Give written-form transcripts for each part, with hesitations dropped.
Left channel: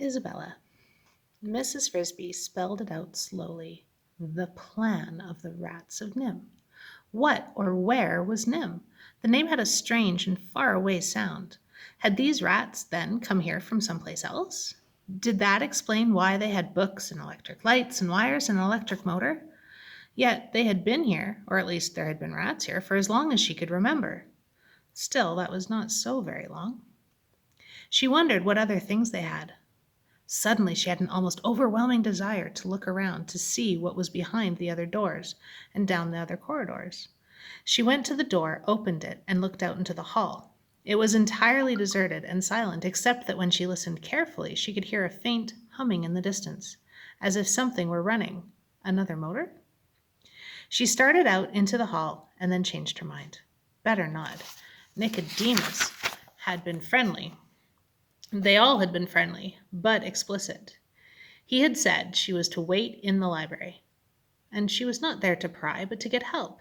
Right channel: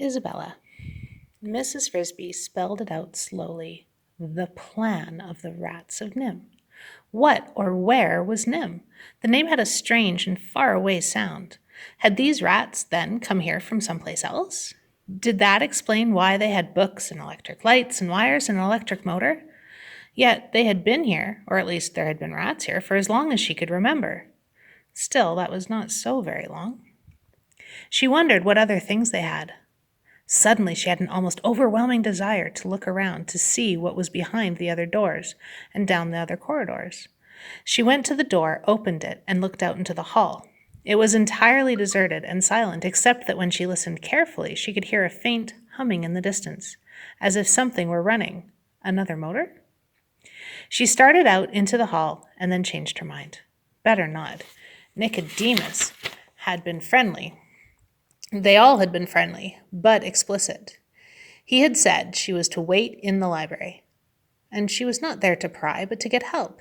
Isabella. Mrs. Frisby spelled it out slowly. The plan of the rats of NIMH. What or where was NIMH? The name had a strange and far-away sound. Had these rats, then, come here from someplace else? Did that explain why they had books and electric lights and wires and an electric motor? Yet they had been here, or at least there had been rats here, for as long as she could remember. Still, that was not so very long. She wondered what other things they had. Suddenly she had an almost overwhelming desire to look around to see what was behind the other doors and down the other corridors. She went to the door, opened it, and looked out into the hall. It was entirely deserted and silent, except that when she listened carefully, she could hear a faint humming in the distance, as if something were running. Another motor? She started out into the hall and then changed her mind. Better not. Nicodemus had been friendly. They all had been friendly, but explicit. He had said she was to wait in the library, and she was not there to pry, but to get help.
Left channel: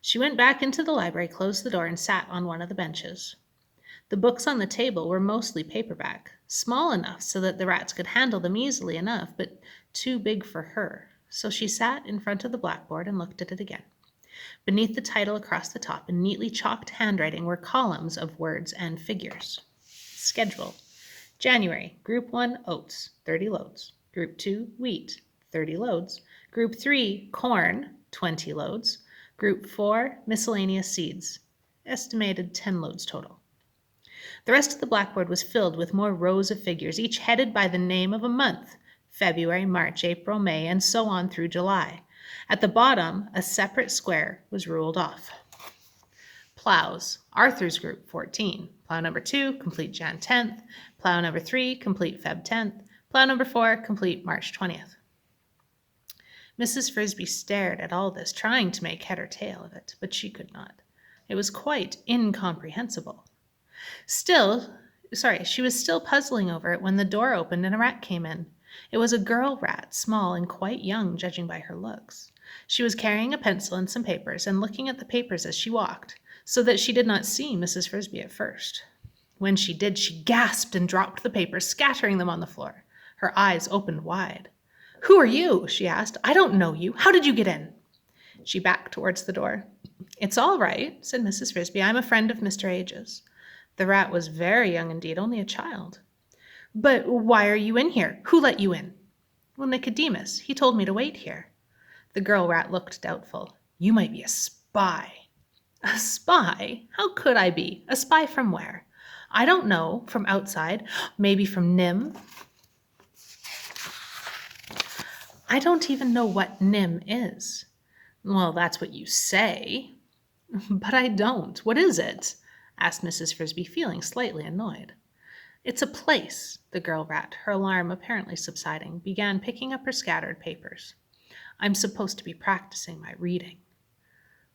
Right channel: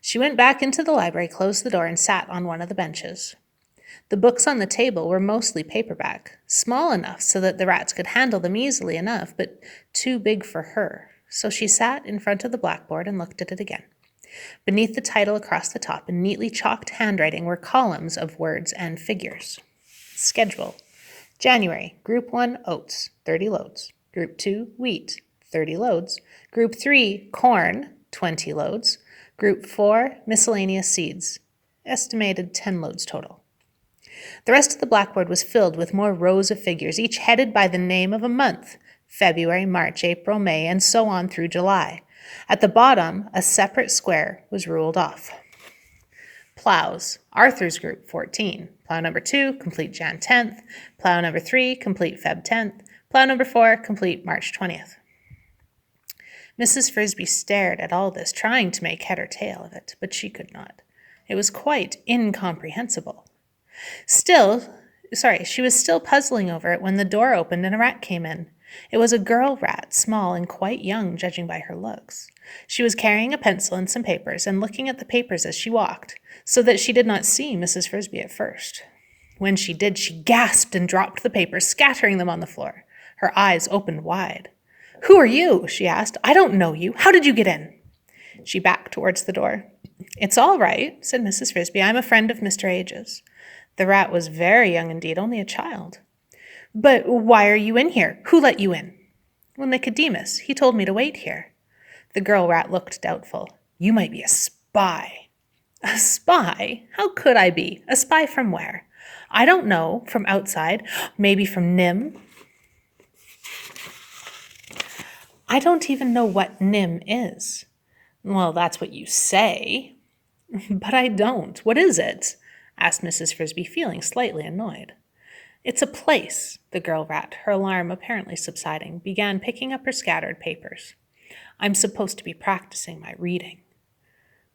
She went back into the library, closed the door, and sat on one of the benches. The books on the table were mostly paperback, small enough so that the rats could handle them easily enough, but too big for her. So she sat in front of the blackboard and looked at it again. Beneath the title across the top, in neatly chalked handwriting, were columns of words and figures. Schedule. January, Group 1, oats, 30 loads. Group 2, wheat, 30 loads. Group 3, corn, 20 loads. Group 4, miscellaneous seeds, estimated 10 loads total. The rest of the blackboard was filled with more rows of figures, each headed by the name of a month: February, March, April, May, and so on through July. At the bottom, a separate square was ruled off. Plows. Arthur's group, 14. Plow number 2, complete Jan 10th. Plow number 3, complete Feb 10th. Plow number 4, complete March 20th. Mrs. Frisby stared at all this, trying to make head or tail of it, but she could not. It was quite incomprehensible. She was still puzzling over it when the door opened and a rat came in. It was a girl rat, small and quite young, judging by her looks. She was carrying a pencil and some papers and looking at the papers as she walked, so that she did not see Mrs. Frisby at first. When she did, she gasped and dropped the papers, scattering them on the floor. Her eyes opened wide. "Who are you?" she asked. "I don't know you. How did you get in?" She backed towards the door. "It's all right," said Mrs. Frisby. "I'm a friend of Mr. Age's." The rat was very young indeed, only a child. "But why are you in here? Who let you in?" "Well, Nicodemus. He told me to wait here." The girl rat looked doubtful. "You might be a spy." "A spy? How could I be? A spy from where?" "I don't know. From outside. Maybe from NIMH." "I don't even know what NIMH is." "Well, that's what you say." "But I don't. What is it?" asked Mrs. Frisby, feeling slightly annoyed. "It's a place." The girl rat, her alarm apparently subsiding, began picking up her scattered papers. "I'm supposed to be practicing my reading."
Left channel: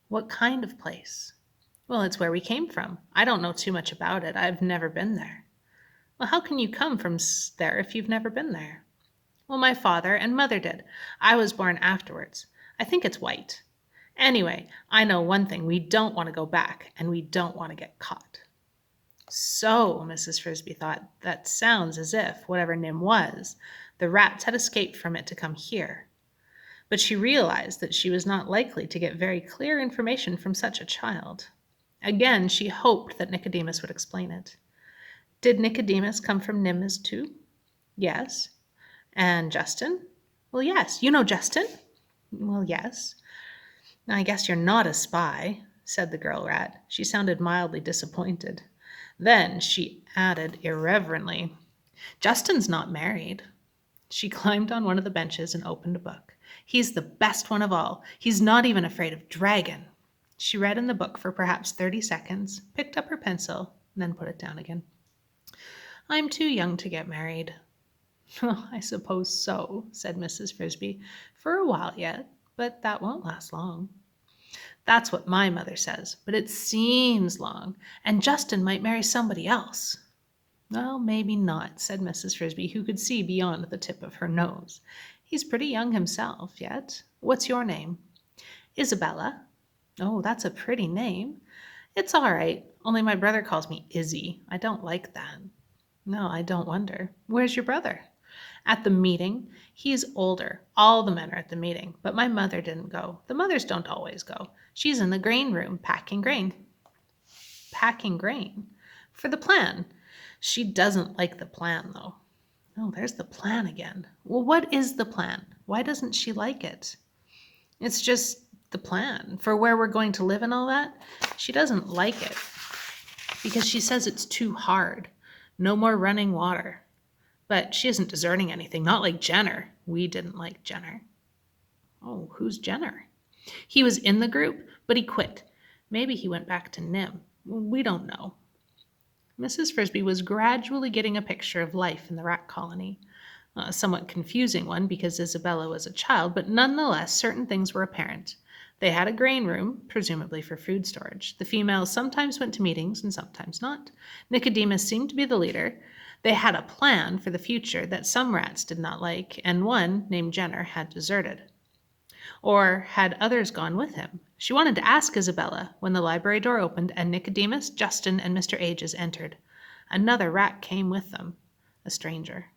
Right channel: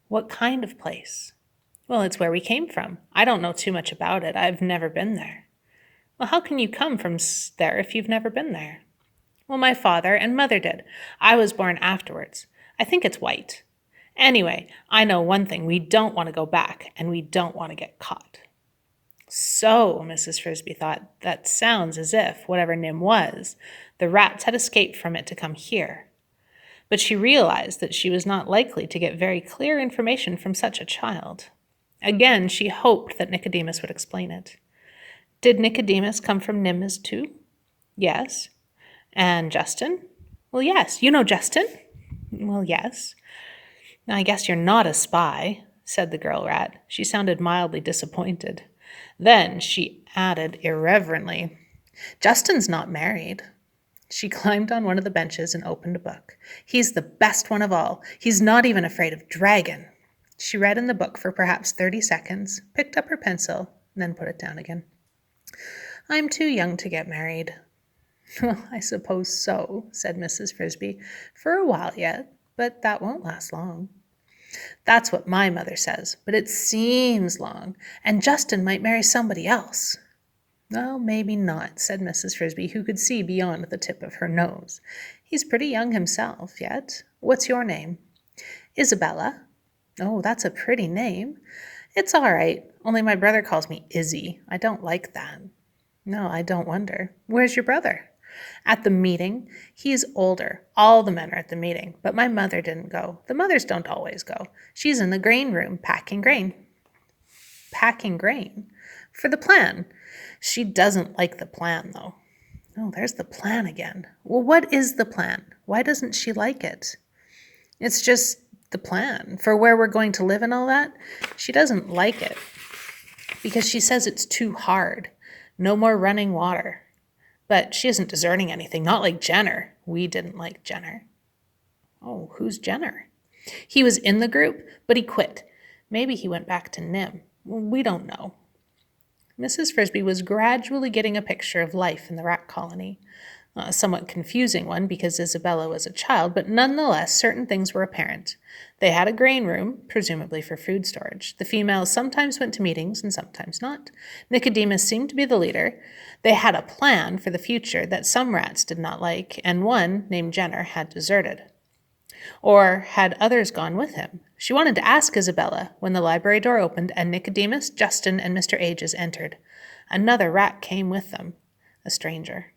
"What kind of place?" "Well, it's where we came from. I don't know too much about it. I've never been there." "Well, how can you come from there if you've never been there?" "Well, my father and mother did. I was born afterwards. I think it's white. Anyway, I know one thing. We don't want to go back, and we don't want to get caught." So, Mrs. Frisby thought, that sounds as if, whatever NIMH was, the rats had escaped from it to come here. But she realized that she was not likely to get very clear information from such a child. Again, she hoped that Nicodemus would explain it. "Did Nicodemus come from NIMH too?" "Yes." "And Justin?" "Well, yes. You know Justin?" "Well, yes." "I guess you're not a spy," said the girl rat. She sounded mildly disappointed. Then she added irreverently, "Justin's not married." She climbed on one of the benches and opened a book. "He's the best one of all. He's not even afraid of dragon." She read in the book for perhaps 30 seconds, picked up her pencil, and then put it down again. "I'm too young to get married." "Well, I suppose so," said Mrs. Frisby. "For a while yet, but that won't last long." "That's what my mother says, but it seems long, and Justin might marry somebody else." "Well, maybe not," said Mrs. Frisby, who could see beyond the tip of her nose. "He's pretty young himself yet. What's your name?" "Isabella." "Oh, that's a pretty name." "It's all right, only my brother calls me Izzy. I don't like that." "No, I don't wonder. Where's your brother?" At the meeting, he's older. All the men are at the meeting, but my mother didn't go. The mothers don't always go. She's in the grain room packing grain. Packing grain? For the plan. She doesn't like the plan, though. Oh, there's the plan again. Well, what is the plan? Why doesn't she like it? It's just the plan for where we're going to live and all that. She doesn't like it because she says it's too hard. No more running water. But she isn't deserting anything, not like Jenner. We didn't like Jenner. Oh, who's Jenner? He was in the group, but he quit. Maybe he went back to NIM. We don't know. Mrs. Frisby was gradually getting a picture of life in the rat colony. A somewhat confusing one because Isabella was a child, but nonetheless certain things were apparent. They had a grain room, presumably for food storage. The females sometimes went to meetings and sometimes not. Nicodemus seemed to be the leader. They had a plan for the future that some rats did not like, and one, named Jenner, had deserted. Or had others gone with him? She wanted to ask Isabella when the library door opened and Nicodemus, Justin, and Mr. Ages entered. Another rat came with them, a stranger.